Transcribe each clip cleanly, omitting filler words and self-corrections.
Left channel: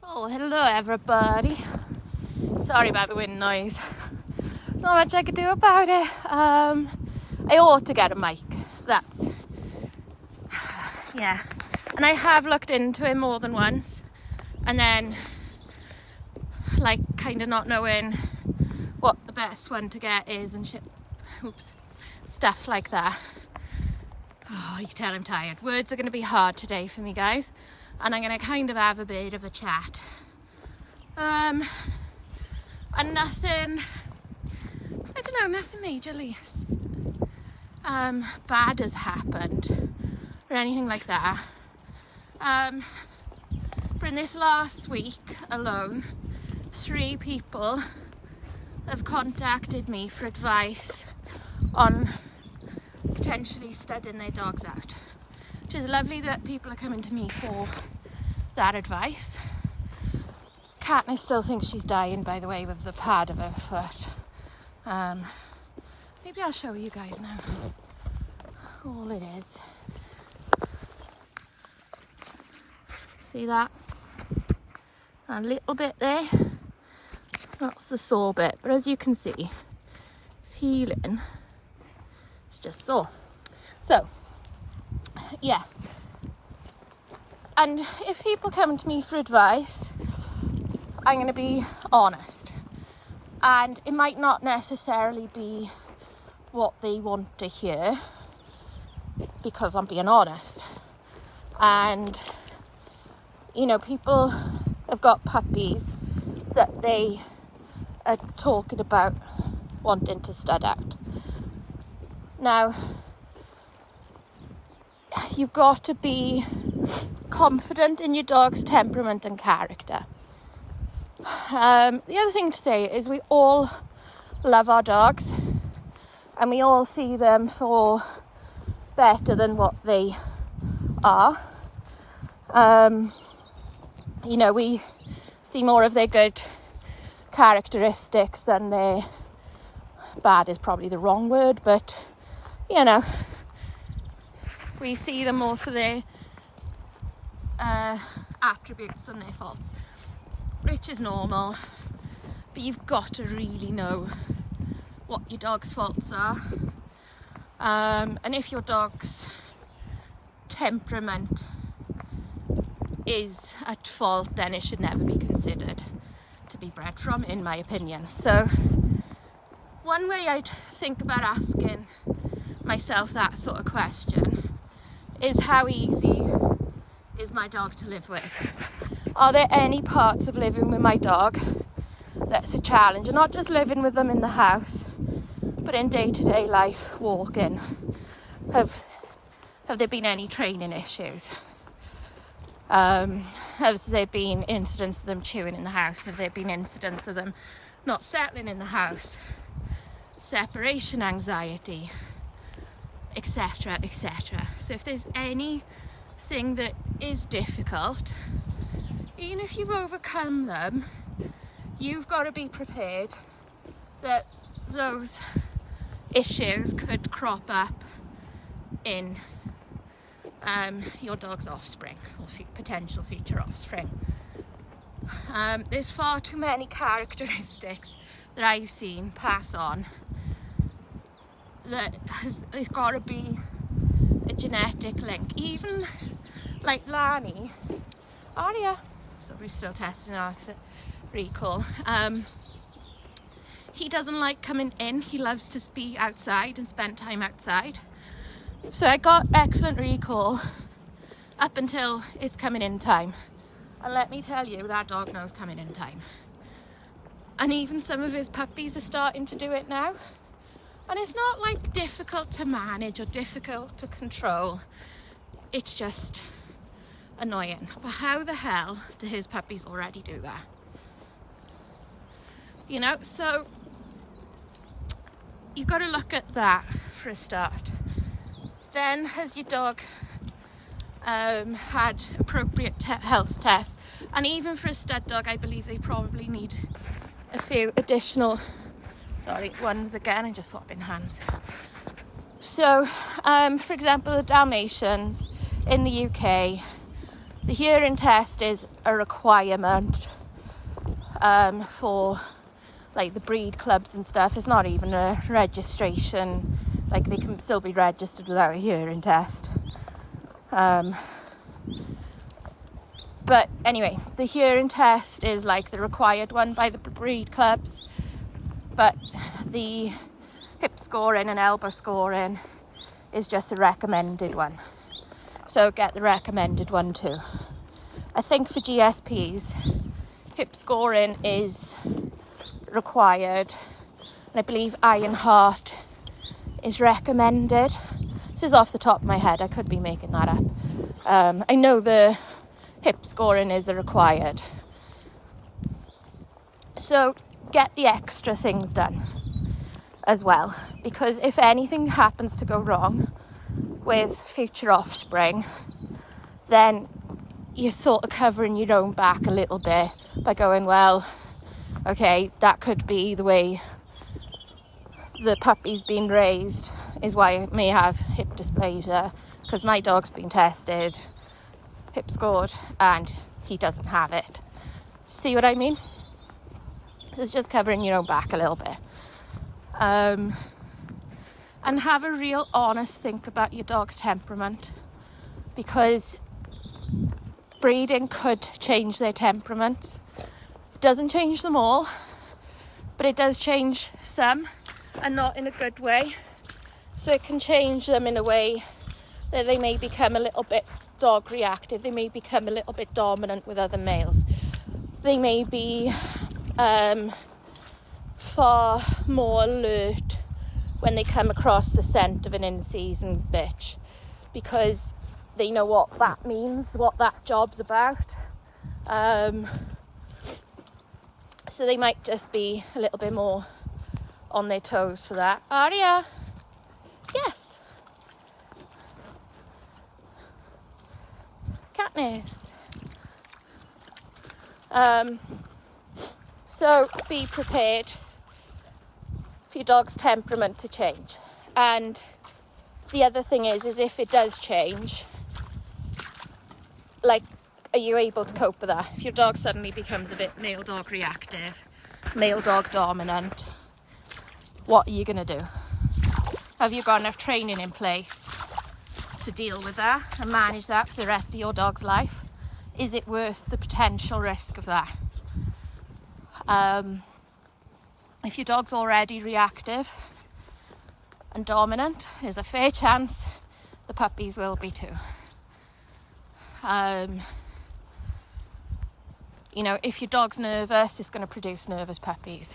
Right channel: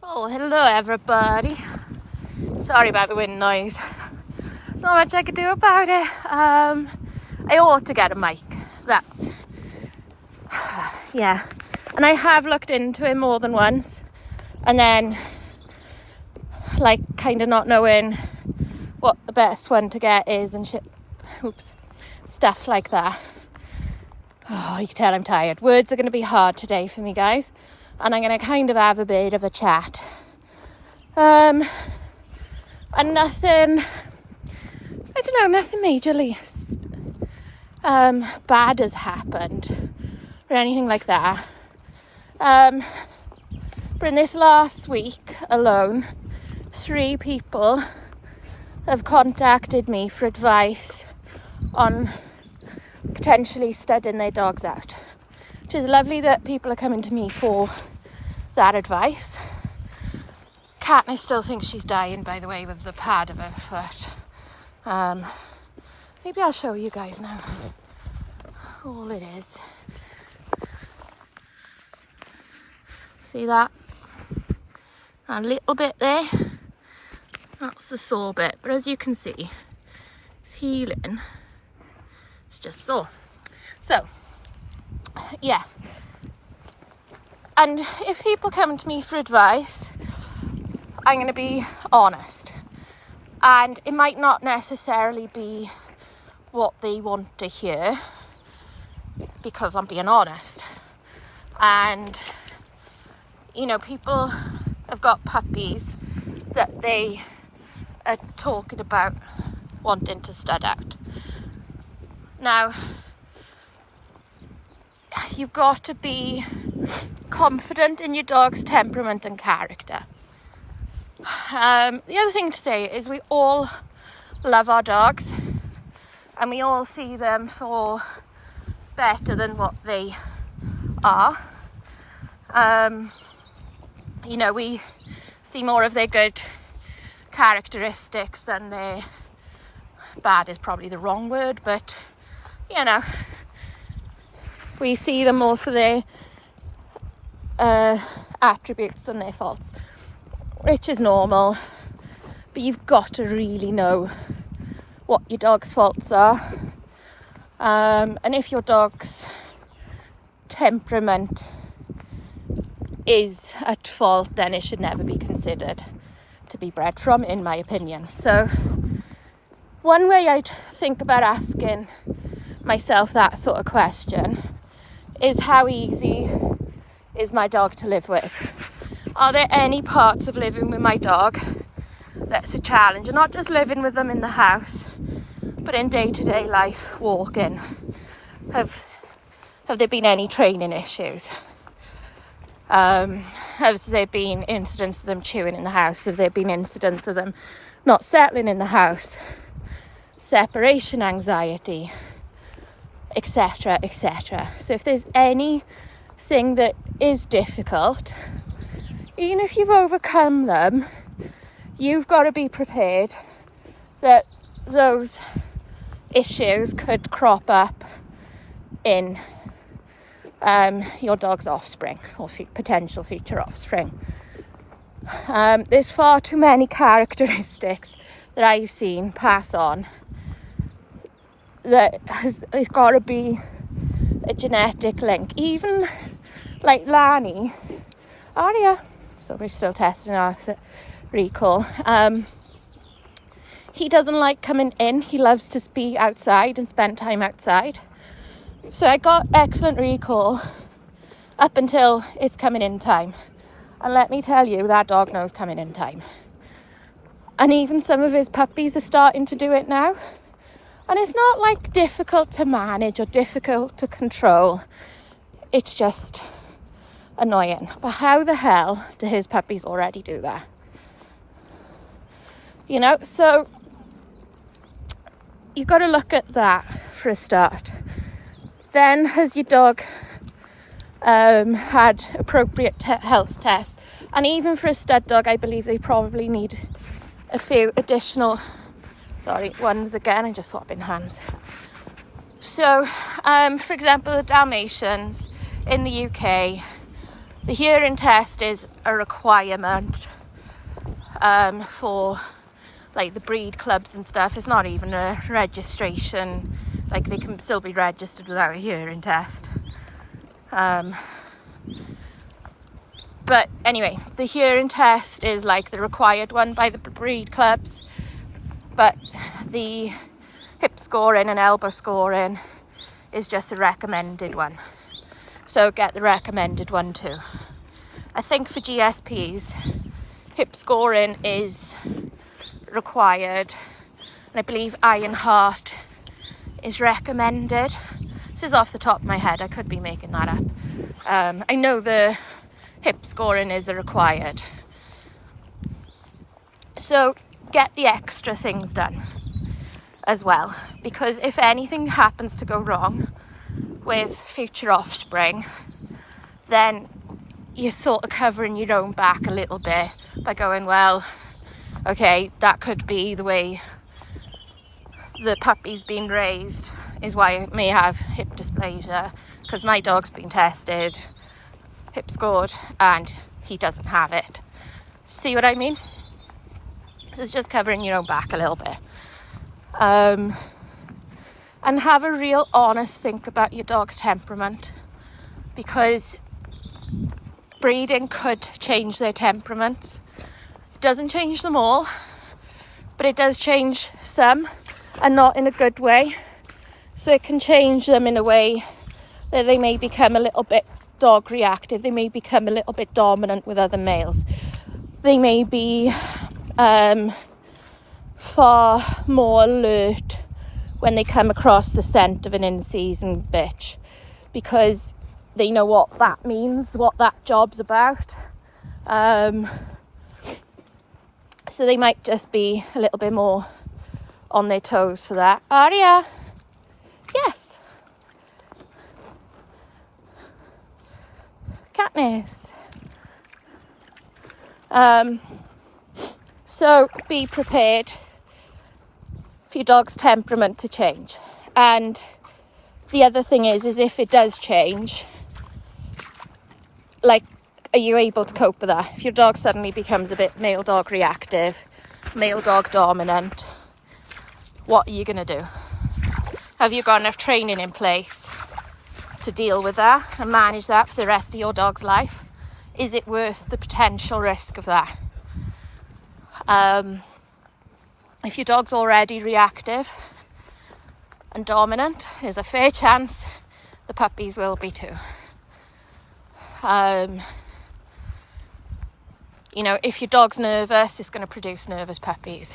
So, hello everybody. Sorry about the wind noise. There's not much I could do about it. I ought to get a mic. That's... yeah. And I have looked into it more than once. And then, like, kind of not knowing what the best one to get is and shit. Oops. Stuff like that. Oh, you can tell I'm tired. Words are going to be hard today for me, guys. And I'm going to kind of have a bit of a chat. And nothing, I don't know, nothing majorly bad has happened or anything like that. But in this last week alone, 3 people have contacted me for advice on potentially studding their dogs out. Which is lovely that people are coming to me for that advice. Katniss still thinks she's dying, by the way, with the pad of her foot. Maybe I'll show you guys now all it is. See that? A little bit there. That's the sore bit, but as you can see, it's healing. It's just sore. So, yeah. And if people come to me for advice, I'm going to be honest. And it might not necessarily be what they want to hear, because I'm being honest. And, you know, people have got puppies that they are talking about wanting to stud out. Now, you've got to be confident in your dog's temperament and character. The other thing to say is we all love our dogs and we all see them for better than what they are. You know, we see more of their good characteristics than their bad is probably the wrong word, but you know, we see them more for their attributes than their faults, which is normal. But you've got to really know what your dog's faults are. And if your dog's temperament is at fault, then it should never be considered to be bred from, in my opinion. So one way I'd think about asking myself that sort of question is, how easy is my dog to live with? Are there any parts of living with my dog that's a challenge? And not just living with them in the house, but in day-to-day life, walking. Have there been any training issues? Has there been incidents of them chewing in the house? Have there been incidents of them not settling in the house? Separation anxiety, etc., etc. So if there's anything that is difficult, even if you've overcome them, you've got to be prepared that those issues could crop up in your dog's offspring or potential future offspring. There's far too many characteristics that I've seen pass on that there's got to be a genetic link. Even like Lani, Aria, so we're still testing our recall. He doesn't like coming in. He loves to be outside and spend time outside. So I got excellent recall up until it's coming in time. And let me tell you, that dog knows coming in time. And even some of his puppies are starting to do it now. And it's not like difficult to manage or difficult to control. It's just annoying. But how the hell do his puppies already do that? You know, so you've got to look at that for a start. Then, has your dog had appropriate health tests? And even for a stud dog, I believe they probably need a few additional ones again. I'm just swapping hands. So, for example, the Dalmatians in the UK, The hearing test is a requirement for like the breed clubs and stuff. It's not even a registration, like they can still be registered without a hearing test. But anyway, the hearing test is like the required one by the breed clubs, but the hip scoring and elbow scoring is just a recommended one. So get the recommended one too. I think for GSPs, hip scoring is required, and I believe Iron Heart is recommended. This is off the top of my head, I could be making that up. I know the hip scoring is required. So get the extra things done as well, because if anything happens to go wrong with future offspring, then you're sort of covering your own back a little bit by going, well, okay, that could be the way the puppy's been raised, is why it may have hip dysplasia, because my dog's been tested, hip scored, and he doesn't have it. See what I mean? So it's just covering your own back a little bit. And have a real honest think about your dog's temperament, because breeding could change their temperaments. It doesn't change them all, but it does change some, and not in a good way. So it can change them in a way that they may become a little bit dog reactive, they may become a little bit dominant with other males, they may be far more alert when they come across the scent of an in-season bitch, because they know what that means, what that job's about. So they might just be a little bit more on their toes for that. Aria, yes. Katniss. So be prepared for your dog's temperament to change. And the other thing is if it does change, like, are you able to cope with that? If your dog suddenly becomes a bit male dog reactive, male dog dominant, what are you going to do? Have you got enough training in place to deal with that and manage that for the rest of your dog's life? Is it worth the potential risk of that? If your dog's already reactive and dominant, there's a fair chance the puppies will be too. You know, if your dog's nervous, it's going to produce nervous puppies.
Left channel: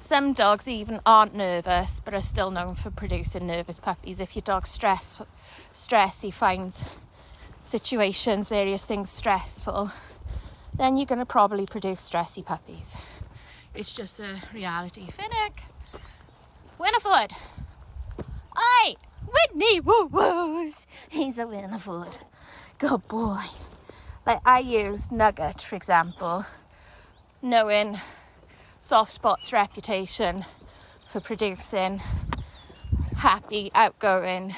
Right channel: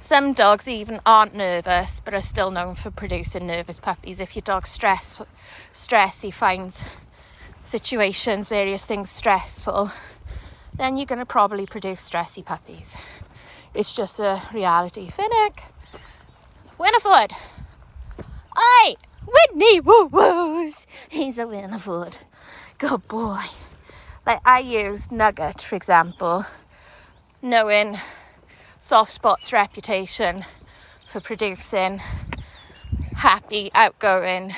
Some dogs even aren't nervous, but are still known for producing nervous puppies. If your dog's stress, he finds situations, various things stressful, then you're going to probably produce stressy puppies. It's just a reality. Finnick! Winifred! Aye! Whitney! Woo-woos! He's a Winifred. Good boy. Like, I used Nugget, for example, knowing Soft Spot's reputation for producing happy, outgoing,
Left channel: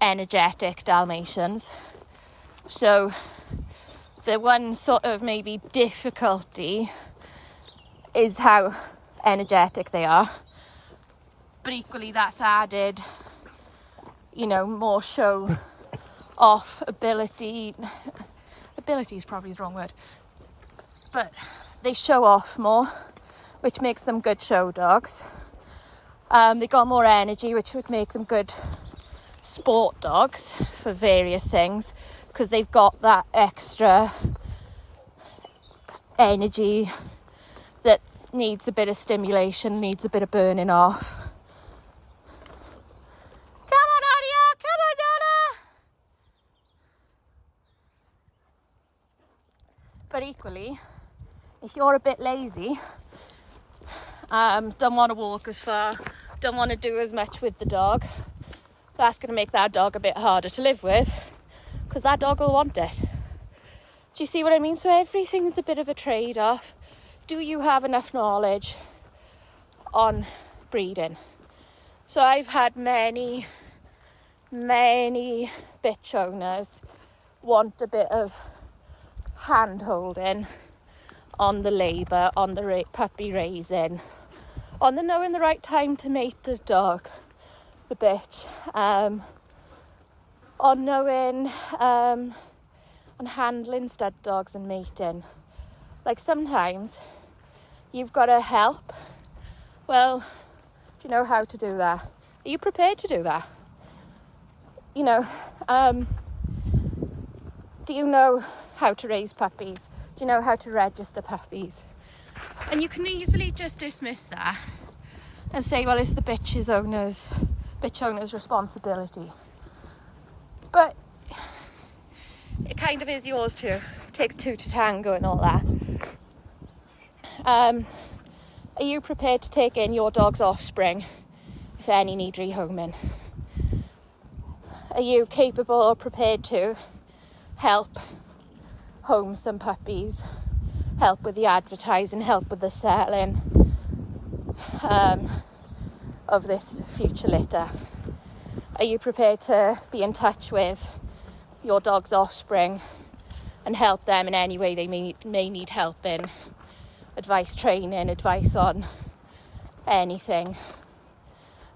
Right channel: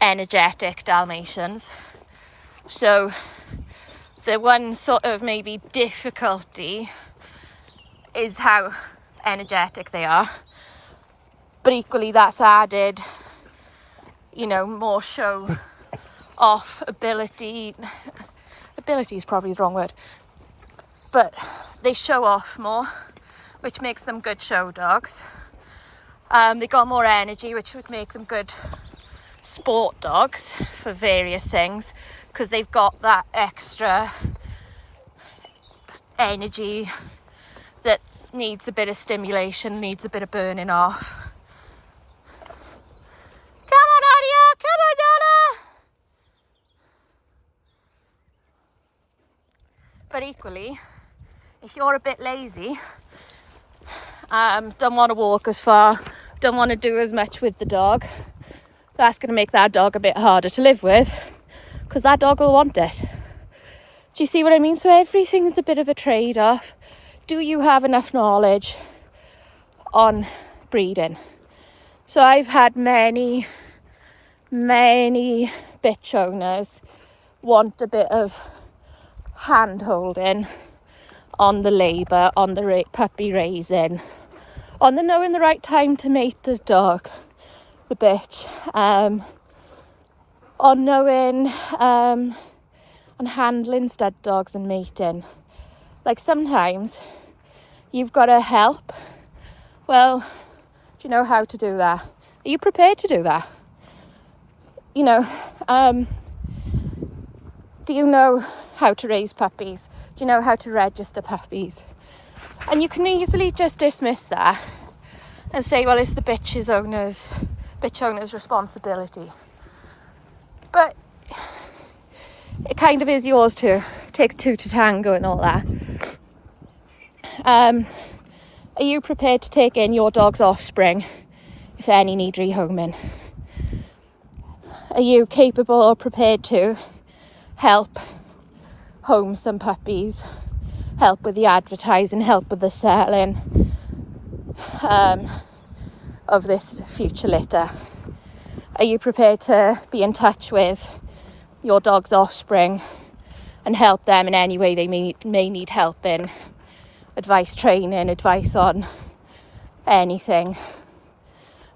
energetic Dalmatians. So the one sort of maybe difficulty is how energetic they are, but equally that's added, you know, more show off ability is probably the wrong word, but they show off more, which makes them good show dogs. They got more energy, which would make them good sport dogs for various things, because they've got that extra energy that needs a bit of stimulation, needs a bit of burning off. Come on, Adia! Come on, Donna! But equally, if you're a bit lazy, don't want to walk as far, don't want to do as much with the dog, that's going to make that dog a bit harder to live with, because that dog will want it. Do you see what I mean? So everything is a bit of a trade-off. Do you have enough knowledge on breeding? So I've had many bitch owners want a bit of hand holding on the labour, on the puppy raising, on the knowing the right time to mate the dog, the bitch, on knowing, on handling stud dogs and mating. Like sometimes you've got to help. Well, do you know how to do that? Are you prepared to do that? You know, do you know how to raise puppies? Do you know how to register puppies? And you can easily just dismiss that and say, well, it's the bitch owner's responsibility. But it kind of is yours too. It takes two to tango and all that. Are you prepared to take in your dog's offspring if any need rehoming? Are you capable or prepared to help home some puppies, help with the advertising, help with the selling of this future litter? Are you prepared to be in touch with your dog's offspring and help them in any way they may need help in? Advice, training, advice on anything.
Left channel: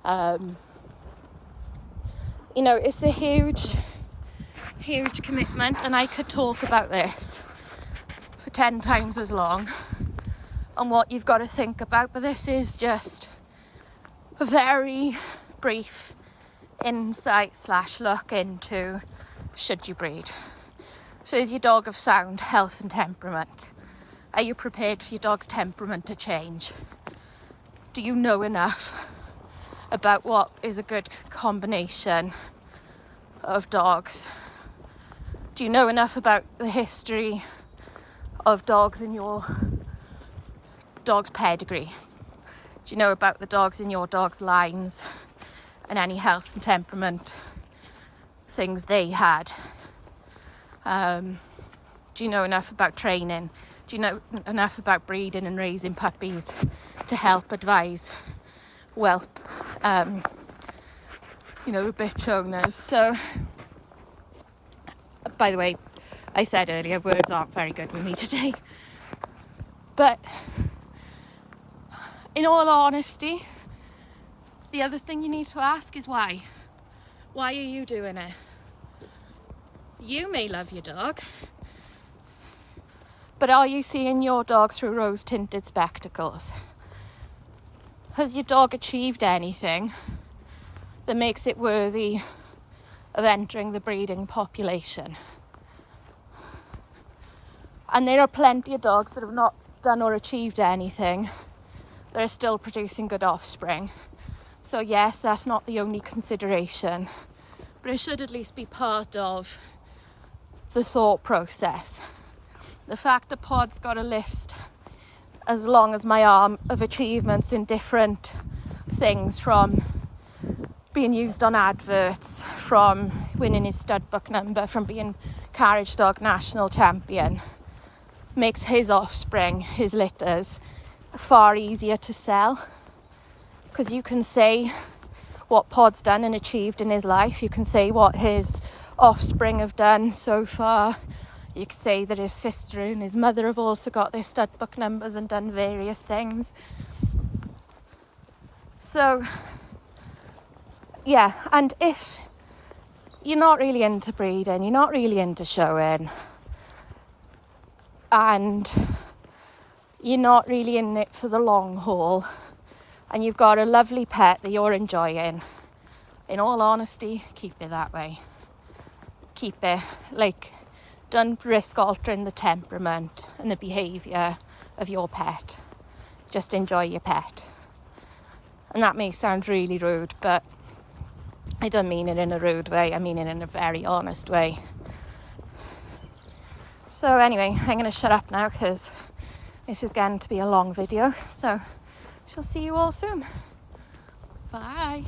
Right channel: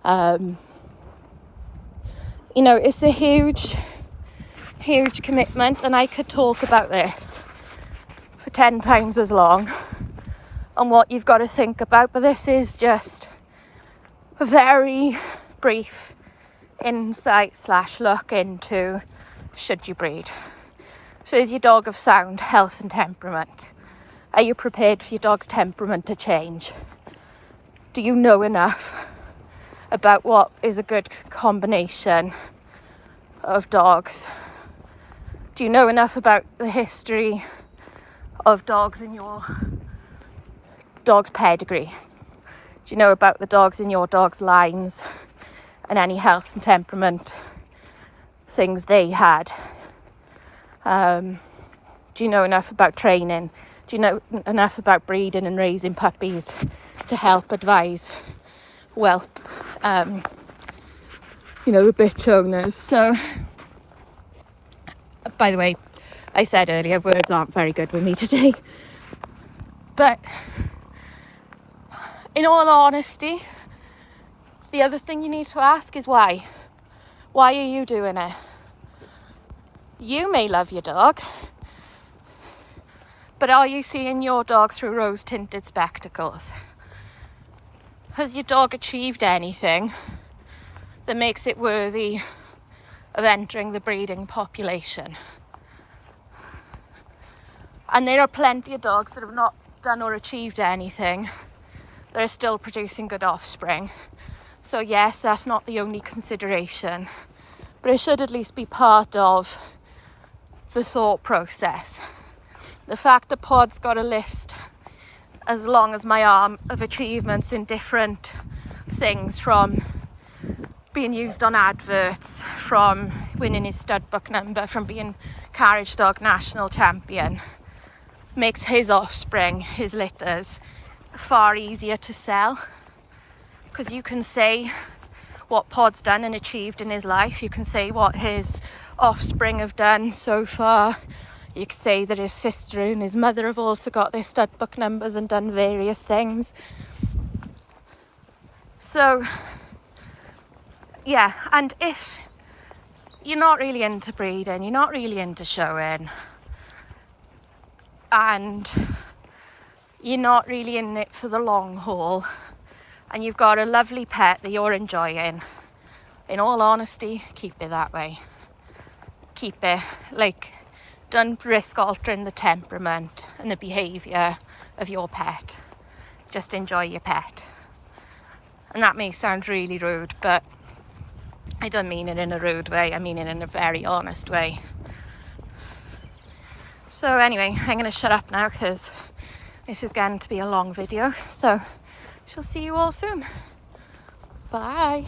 You know, it's a huge commitment, and I could talk about this for 10 times as long on what you've got to think about, but this is just a very brief insight / look into should you breed. So is your dog of sound health and temperament? Are you prepared for your dog's temperament to change? Do you know enough about what is a good combination of dogs? Do you know enough about the history of dogs in your dog's pedigree? Do you know about the dogs in your dog's lines and any health and temperament things they had? Do you know enough about training? Do you know enough about breeding and raising puppies to help advise whelp, the bitch owners? So, by the way, I said earlier, words aren't very good with me today. But in all honesty, the other thing you need to ask is why? Why are you doing it? You may love your dog, but are you seeing your dog through rose-tinted spectacles? Has your dog achieved anything that makes it worthy of entering the breeding population? And there are plenty of dogs that have not done or achieved anything that are still producing good offspring. So yes, that's not the only consideration, but it should at least be part of the thought process. The fact that Pod's got a list as long as my arm of achievements in different things, from being used on adverts, from winning his stud book number, from being carriage dog national champion, makes his offspring, his litters, far easier to sell. Because you can say what Pod's done and achieved in his life. You can say what his offspring have done so far. You can say that his sister and his mother have also got their stud book numbers and done various things. So, yeah, and if you're not really into breeding, you're not really into showing, and you're not really in it for the long haul, and you've got a lovely pet that you're enjoying, in all honesty, keep it that way. Keep it, don't risk altering the temperament and the behaviour of your pet. Just enjoy your pet. And that may sound really rude, but I don't mean it in a rude way. I mean it in a very honest way. So anyway, I'm going to shut up now because this is going to be a long video. So, shall see you all soon. Bye.